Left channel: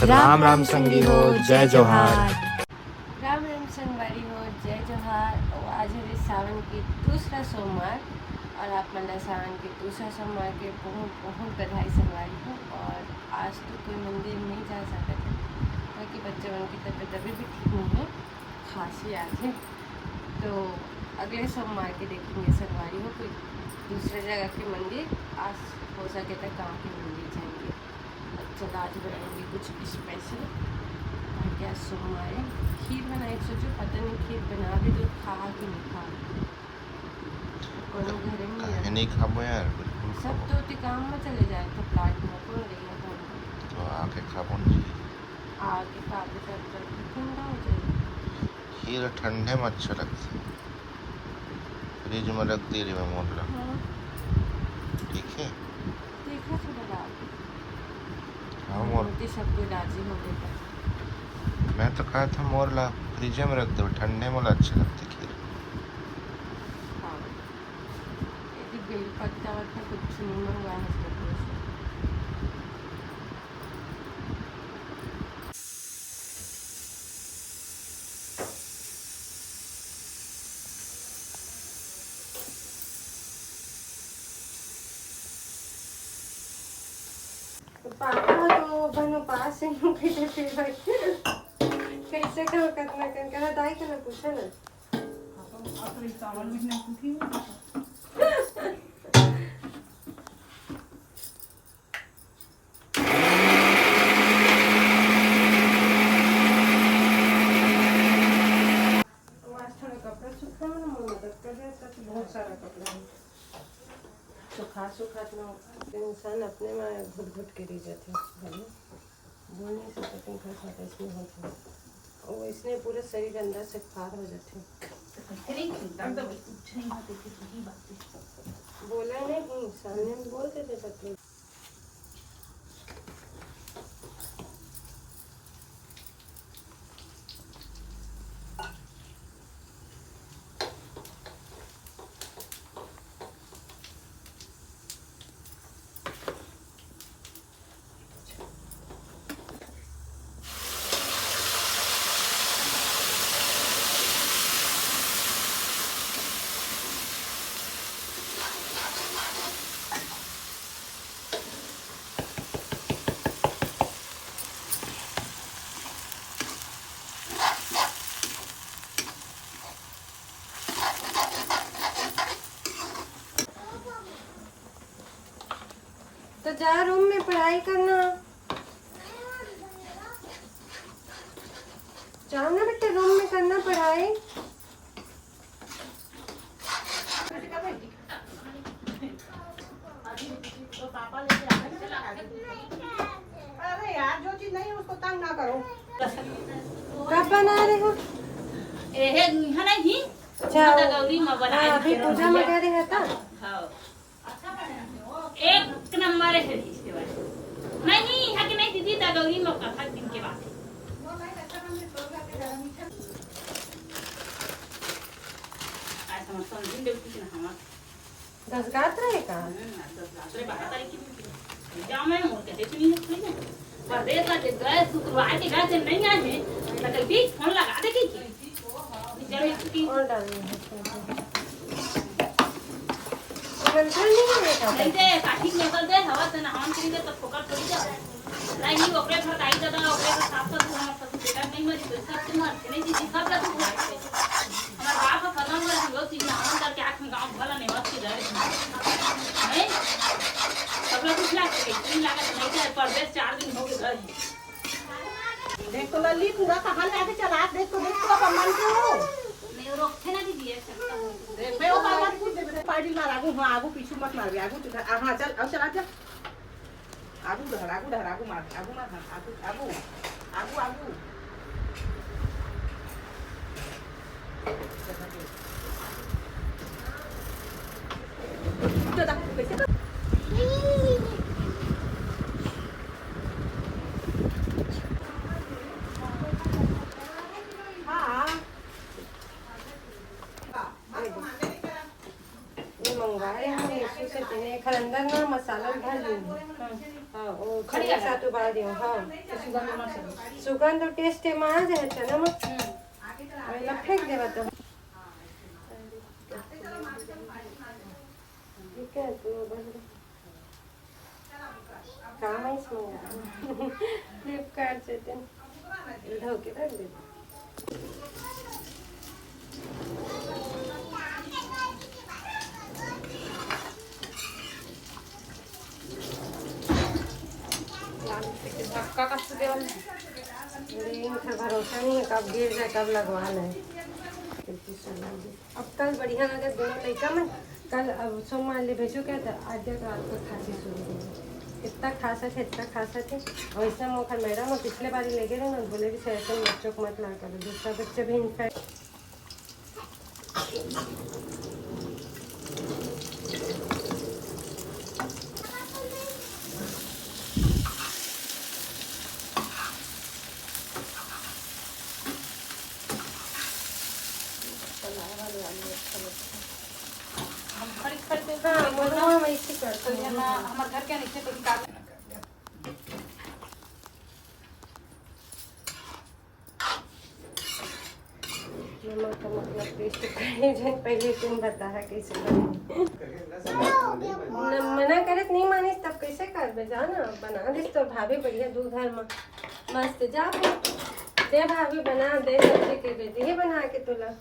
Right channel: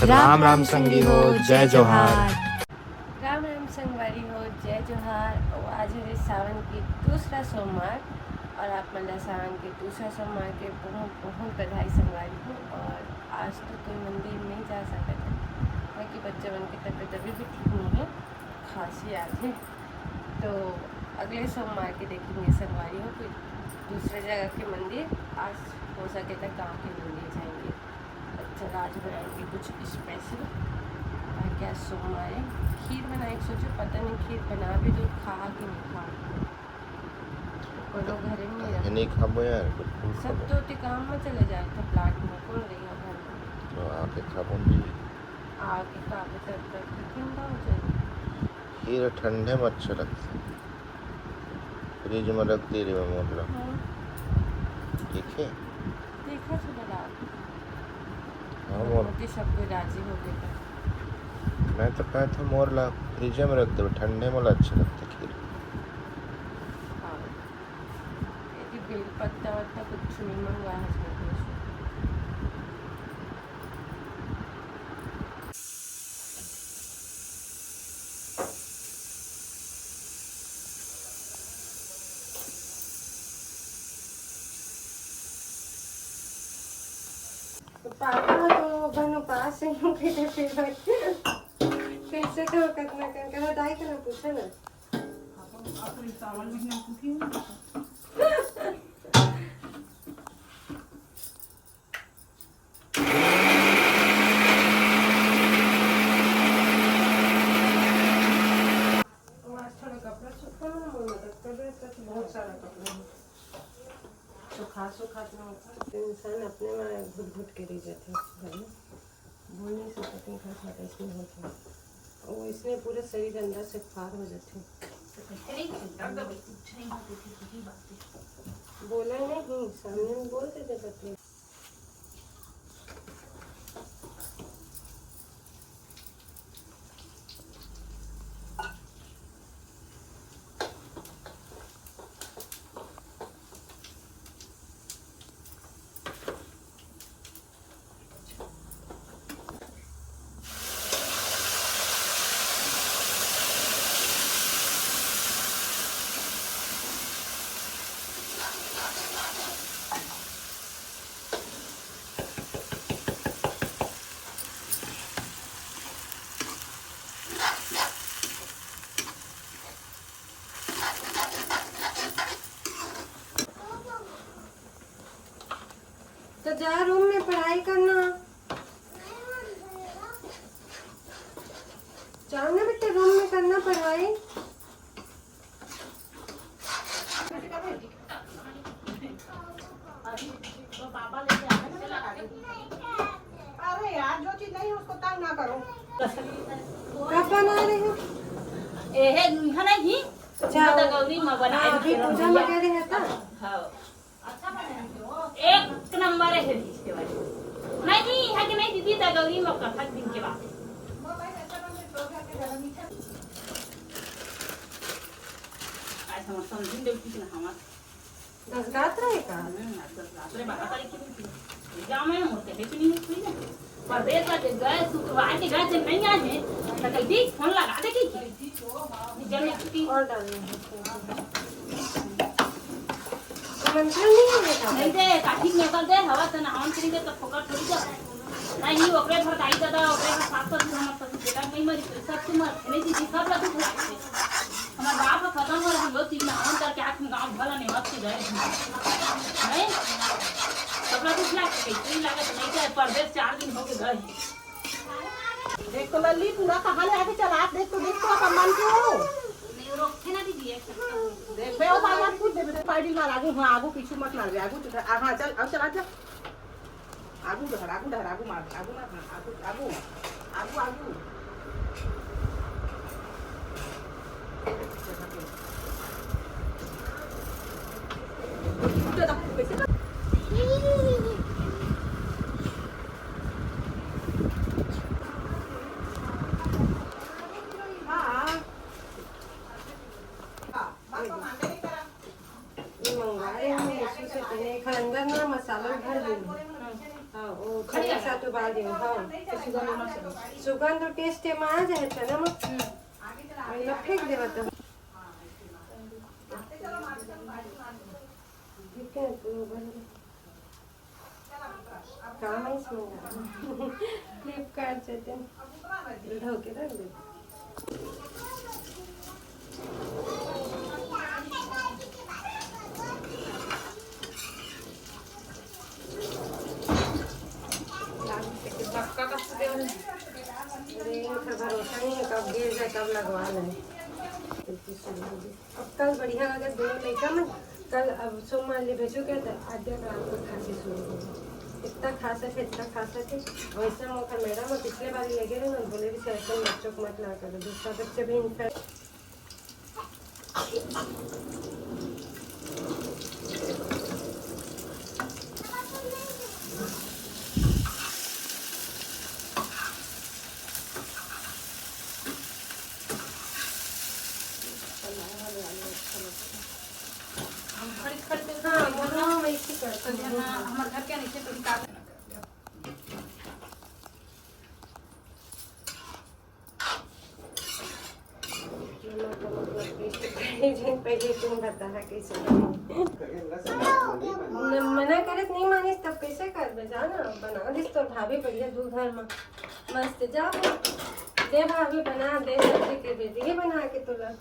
राम राम संगी हो, जय जोहार। राम राम संगवारी हो, जय जोहार। और आज है सावन की दूसरा सोमवार और आप मतलब सावन के दूसरा सोमवार के बहुत बहुत बधाई संगवारी हो। और आज तो कोई मंदिर नहीं जा सकते थे क्योंकि बच्चों की तबीयत अभी भी ठीक नहीं है, खांसी आ गई। तो अगले सोमवार के देखेंगे संगवारी हो कोई दूसरे जगह के मंदिर। आज हो सके तो गाँव के मंदिर जाएंगे। चलो आज बनाएंगे कुछ स्पेशल ताकि आज सोमवार है। खीर बनाए सोचो, पता नहीं खीर बना भी तो खा कि नहीं खा। कोनो घरे नहीं खाबो यार, बिल्कुल सब खाबो। तो काम में चले जाए थे, प्लाट में कौन रही घर में तो आके खाबो जी। आके काबे तक ठंडा हो जाएगा। खीर ठंडे में अच्छा लगता है, फ्रिज में रख दे रही मोहल्ला। ठीक है, देखा तो बड़ा हाँ मोर मोटी सब कोई राजी हो गया। मैं तो कहा था मोरला फ्रिज में रख दे, ठंडे में अच्छा लगता है खीर। हाँ यदि बेल पत्ता वत्ता कुछ नहीं मंगवा है तो पापा तो बनो पास ही हो गए फिर कैसे कहो कितना कहना दाई का ना पूछा ना। बहुत सारा कपड़ा है सुखा तो इंसान अपने में घुट घुट के रह जाते हैं बोल नहीं सकते घर खाता इसमें होता है और इसने पूरे शरीर अंदर से फार हो जाते बोला नहीं सामने बोल के दे सकते। तो जा रूम में पढ़ाई करना, जाओ ना बेटा रूम में करना पढ़ाई। अरे यार जो चीज नहीं उसको तंग ना करो। कब बना रहे हो? अच्छा गौरी में बना अभी पूजा में कह रहे था। एक नंबर है इसके बाद नहीं है कि नहीं दीदी गौरी में कथा दिन के बाद आज हम समझिन देवती के हम 10 गात रहेगा 12 तारीख की क्या मैं मोर के देखनी है थोड़ी ना पर देख ला के गए शुक्रवार के गए नहीं आए हैं तो कल भी फोन लगा दे की जरूर और डालना है मंत्र नहीं है का नहीं दे काठी में कर दे हवा से ना हम करेंगे तो फोकट थोड़ी जा नहीं ओकरे पर आई दादा ओकरे पर साफ कर हम सब बेटा नहीं मरी सब तुम नहीं दी सब ला तू हमारा बाप का खत्म कर हम लोग चीज ना हम करके आंख में गांव भला नहीं मत की जाए नहीं सब लोग कुछ लाग के तीन लाग तो नहीं जाए परदेश 4 दिन हो गए घर देख तो लल्ली पूरा कहां ले आके चला देख तो अपन मन के हो नहीं रोकते ना दीदी देख बे ओ बाबा की पार्टी मार आगू पीछे मत मार आगू हां चल अब चला जा आगू धर आगू मार आगू मंगवाए हम इसी से तेने खरंदर में मसाला भर देंगे। हाँ वो खड़िया साथ उबाल दियो हाँ सुगंध मत चलो सुगंध और टेस्ट में आ जाए चना मत पहले फेंक देवा तो ठीक है तो काम है इसमें फ्लिपकार्ट से ढो के रख दे धक्का कसते देवल इनका भरोसा नहीं है कब गिर जाए कब लगवाना है अब कल बढ़िया अगर दोनों लड़का में कल अब सोमवार ले भेजो क्या था आज रात को खांसी शुरू हो गई इतना खासा थे वैसा मौका मैडम और पिछले बार ले गए ना बोले कि ऐसे बच्चों को मत ला करो दूसरा बच्चे भी इन्फेक्ट हमारे घर के नीचे तो निकाल नमक का मतलब टेस्ट करने जाए पहले तुम बता है कैसे मना करत नहीं मानिस तब कैसे कर बे जाना बना दिस तो भाभी बढ़िया दूध घर में मस्त जा दे भाभी बना दे सब्जी के बेटी ये बना के तुला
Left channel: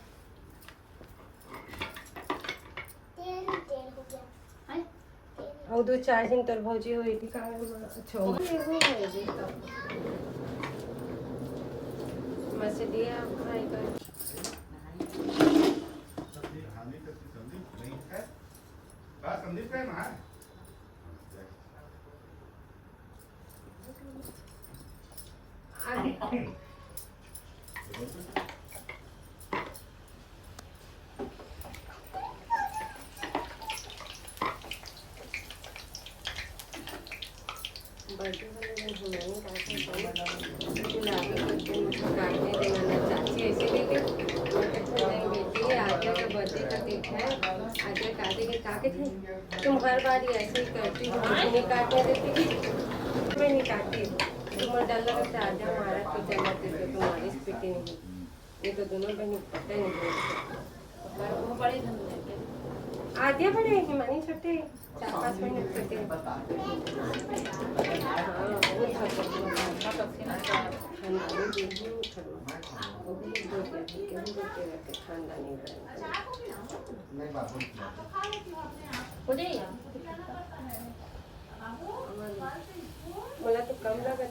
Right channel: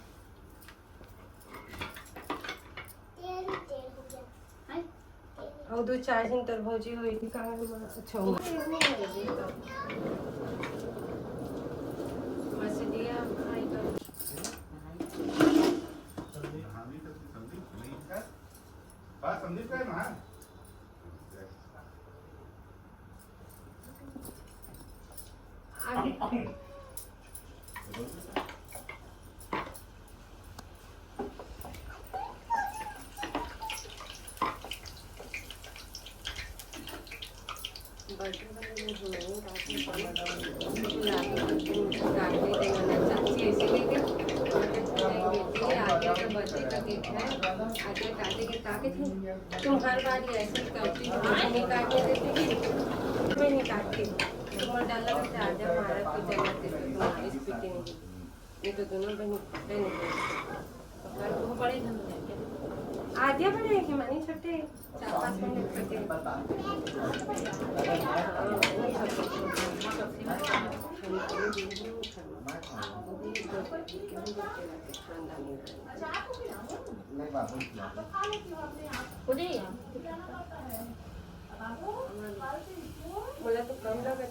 और 2-4 दिन तक भौजी हुई थी कहाँ अच्छा मछलियाँ फ्राई कर आगे तुम हर बार ही ऐसे ही करती हो नहीं काटने देती मैं नहीं काटती तुम डल्ला का चार्जा मारा तो डल्ला देते तुम्हारी स्पीड नहीं ये तो दोनों बहन पता ही नहीं वो बड़े आधे बड़े हैं कि मानी छोटे 4-5 मिनट छोटे ठंडा नहीं बोला तो कम लगा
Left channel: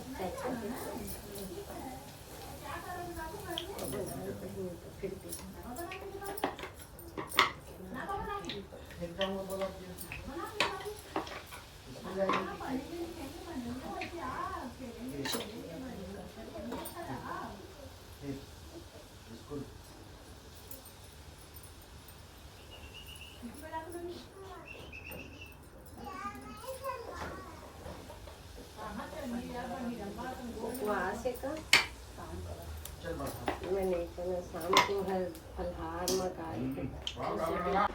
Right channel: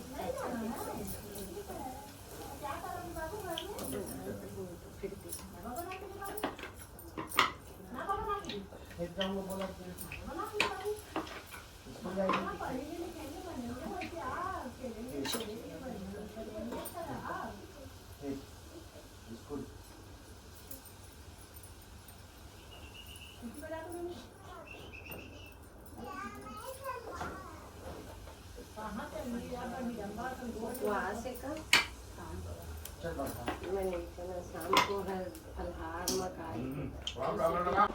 फिर वहाँ से का मैंने शाम को फलहार मकाई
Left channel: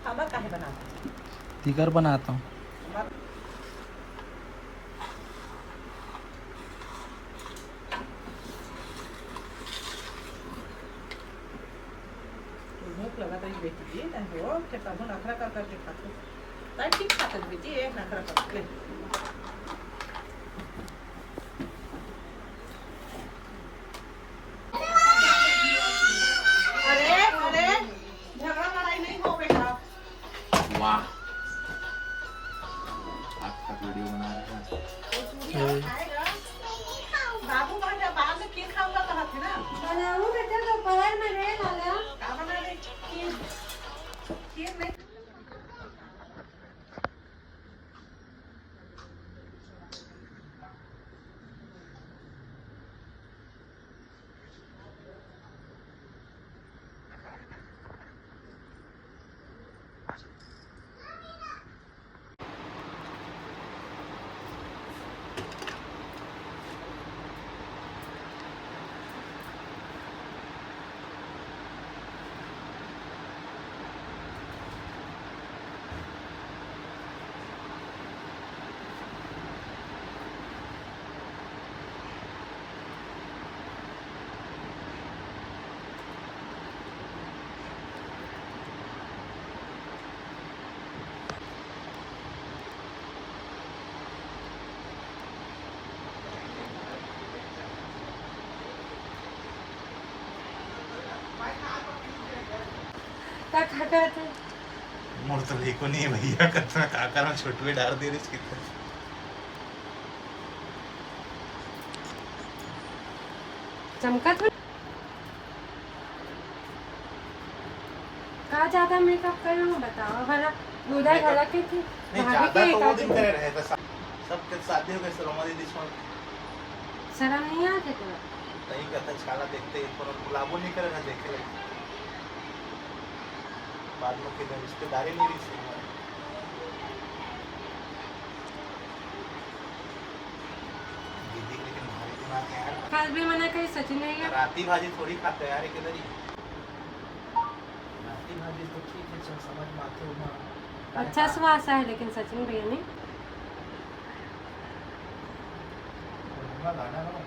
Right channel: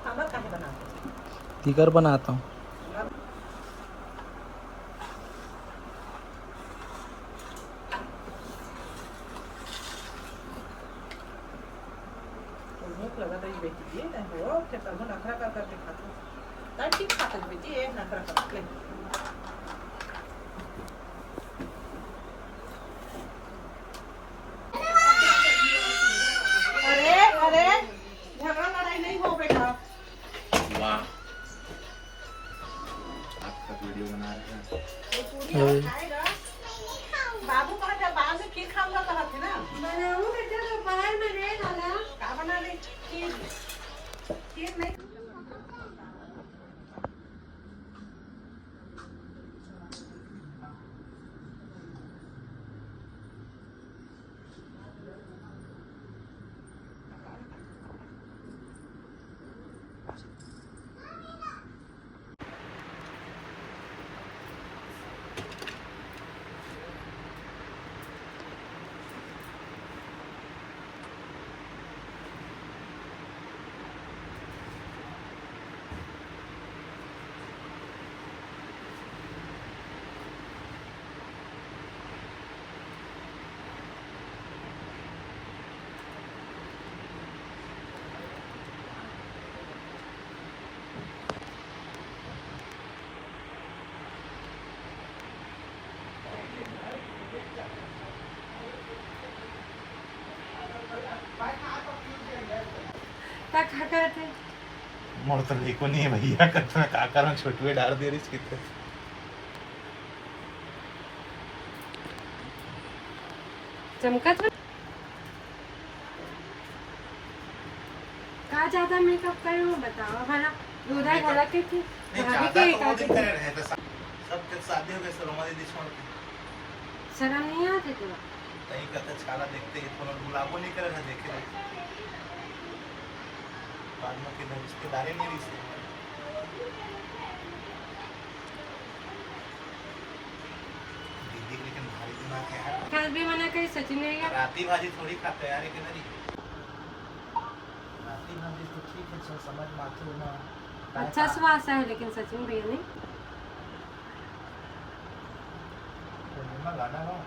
खाना काहे बनाते फिकर बनाता हूँ भूख लगा तो बेटी जी नहीं हो क्या करो नखरा कर करके खाते ताई ठीक खाते बेटी एक नखरा करके अरे झगड़ा लड़ाई नहीं हो बेटा वाह आपका वीडियो बना रहा है बाबू का जब बाद में खीर खाऊंगा तो हाथ ना बनाऊं बेटा दोपहर में रे लाला का बना दे खीर नहीं बकरा थे मोर तो देखो नहीं है भैया कितना काका में छोटुए डाल दे रही इसकी तो चमका था कहा ज्यादा मेकअप करी वो बताओ भला बुधा भला के थी भाभी के वो दिन करे रहे तो सब के शादी हो गए सरोमा दीदी इसमें शर्म नहीं आती तेरा कहीं कहता छाला देखते हैं थोड़ा गुलाबो नहीं करे ना देखे बाद में कि रिश्तेदारी नहीं रिश्ते दीदी लेकिन भारी दिमाग है यार कल भी मना करी सचिन नहीं गया राती भाजी थोड़ी खाते यार एक नरी राती भाजी तो ठीक है चल समझ में आते हो अच्छा स्वाद है लेकिन सचिन भैया ने गाना हो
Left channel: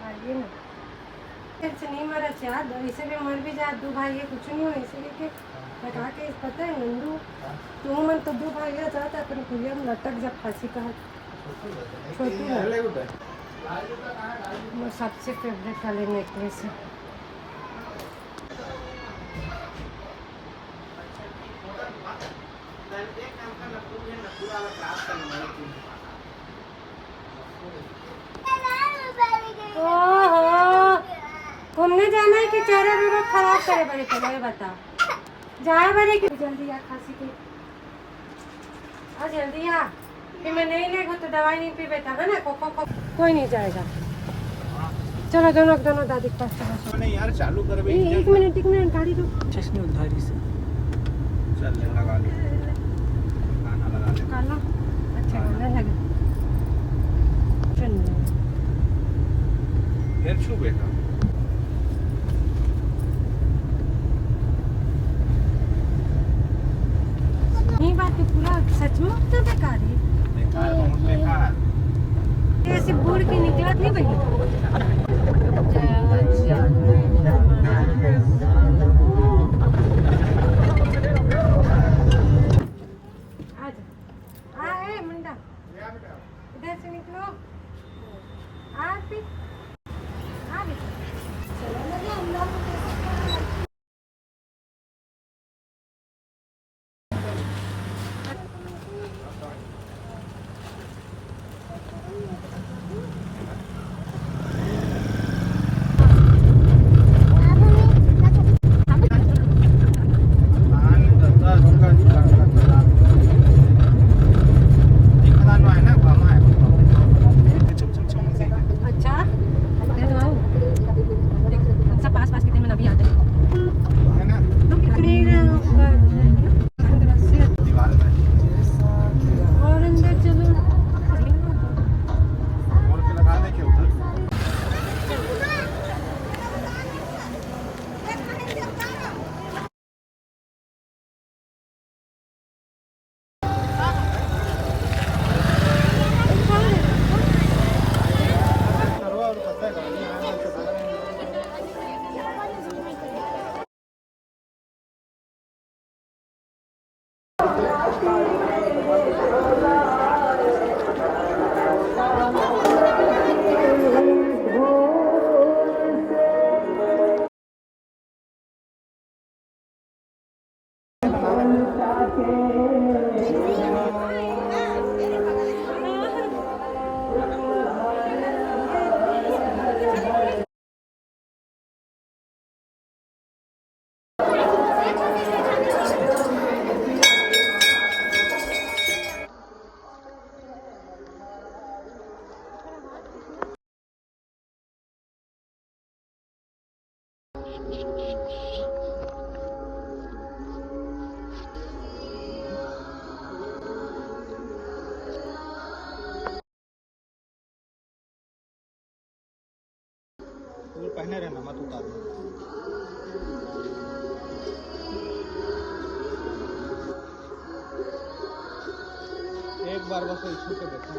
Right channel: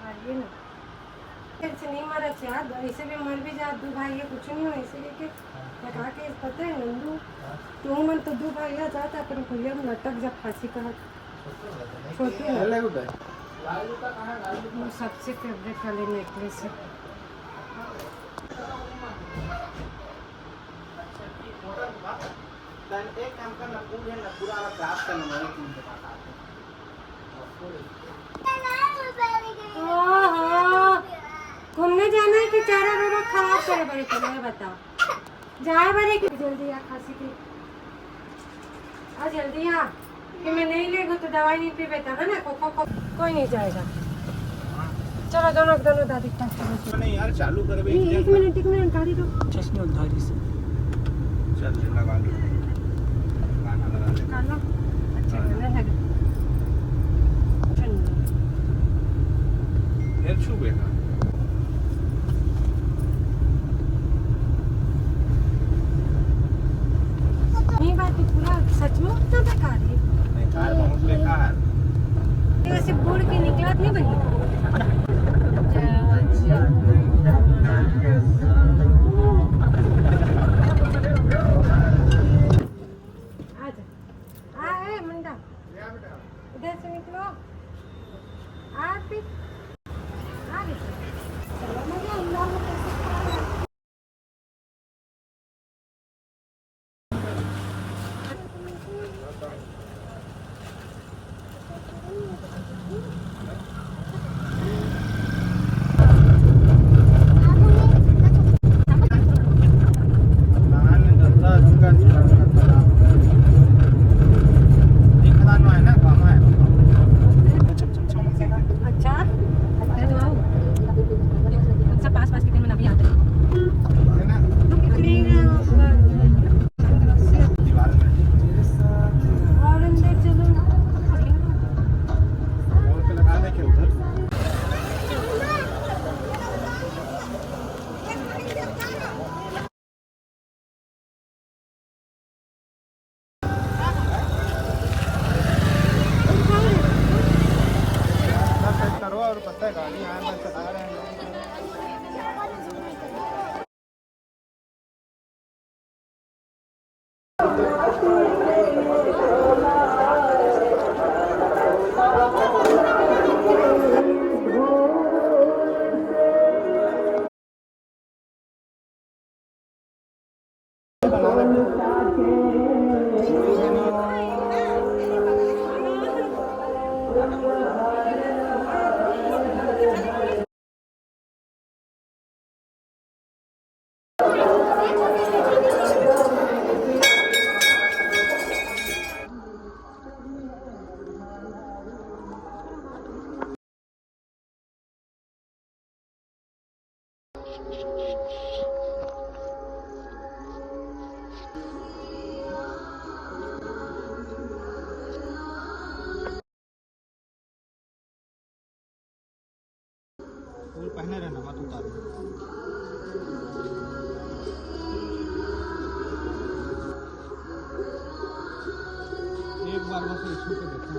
भाई ना ऐसे नहीं मरा चाह ऐसे भी मर भी जा दो भाई कुछ नहीं हो ऐसे के कटवा के पता है नंदू तू मन तो दो भाई जाता पर भैया लटक जा फांसी का छोटी वो सबसे फेवरेट वाले नेकलेस है घूमने जाना है कि चारा रोड खराब करे बड़े पहले बताओ जाए बड़े कि जल्दी आ खांसी की आ जल्दी आ कि मैं नहीं लेगा तो दवाई नहीं पी बेटा है ना कोई नहीं जाएगा चलो दोनों दादी के पास चलो नहीं यार चालू कर बे एक मिनट गाड़ी रुक चश्मे उधारी से चल लगा लो गाना लगा ले काला अच्छा गाना लगा फिर छू बेटा ये बात तो पूरा सच में उतना बेकार है बेकार बहुत बेकार ऐसे बोर्ड की निकलत नहीं बनी आजा मुंडा इधर से निकलो आ भी चलो लगे अल्लाह को कैसे वो पहने रहना मत उतारो एक बार बस इसको पे देखा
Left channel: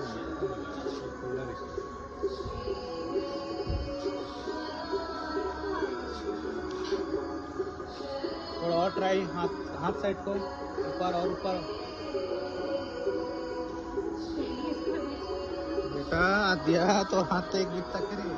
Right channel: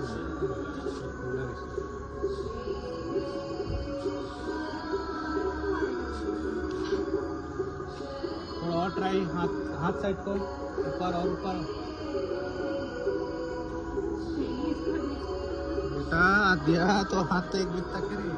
थोड़ा और ट्राई हाथ साइड को ऊपर और ऊपर बेटा दिया तो हाथ तो एक बीत तक नहीं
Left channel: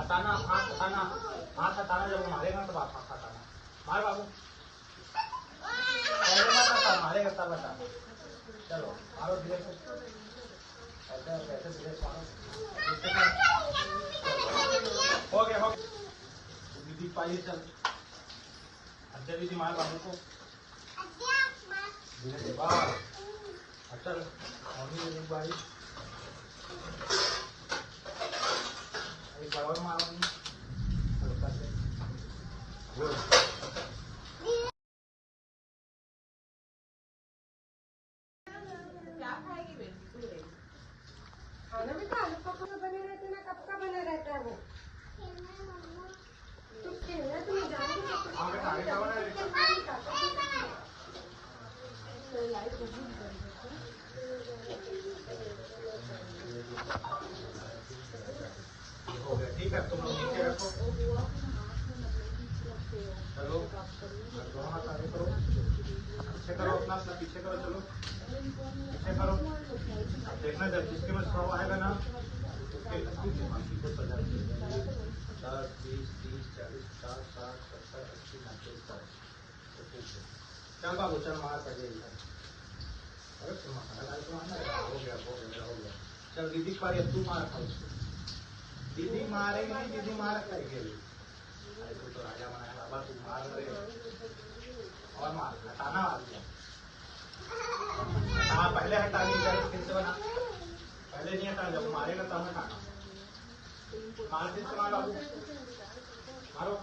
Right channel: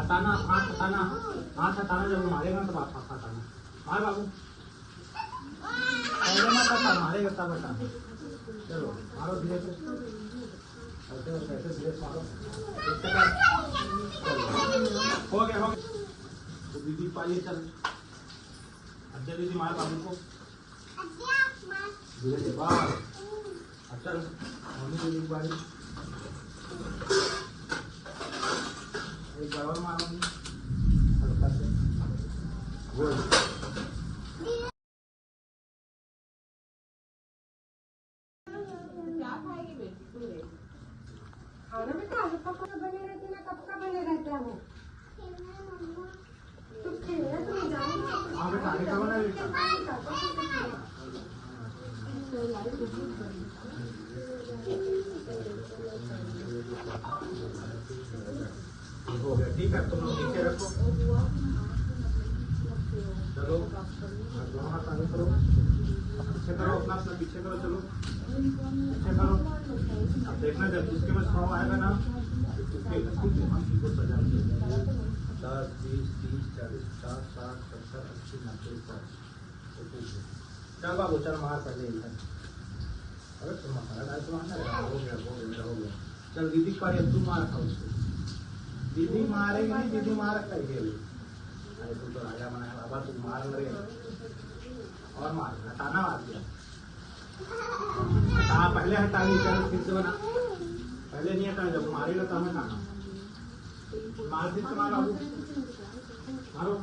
हटाना, हाथ हटाना, हाथ हटाना। जब वो मारेगा तब आप हाथ हटाना। मार बाबू, पहले मत हटा, मारेगा तब हटाना। चलो मारो धीरे से, ऐसे और वैसे धीरे से मारो। हो गया, हो गया। तो दीदी पाइए, चल अच्छा दीदी मार बाबू को धीरे से बाहर। अब चल मम्मी दीदी बारी दवा मारो हल्का से। गुड। आगे खाओ ना। हो गया, ठीक है। तुम लोग नीचे रखो। चलो दोनों हाथ आगे करो, पीछे करो, अपना अपना पीछे करो। चलो पीछे करो। अब देखना जब जिसके में 100 आएगा ना उसके बाकी को सजा 10, 20, 30, 40, 50, 60, 70, 80, 90, 100। चल बाबू चल मार कर ले। मसाला डाल के हो गया। चल दीदी पर तू मार खाओ। दीदी मारेगी नहीं, दीदी मार करेगी। अरे तू तो राजा बनाया बाबा, तू मार रहे और मार हटाना। आपको हटाना, पहले हटा ली। चल फिर से बना, पहले नहीं हटाना, जब मारेगा तब हटाना। मार फिर से मारो, मारो।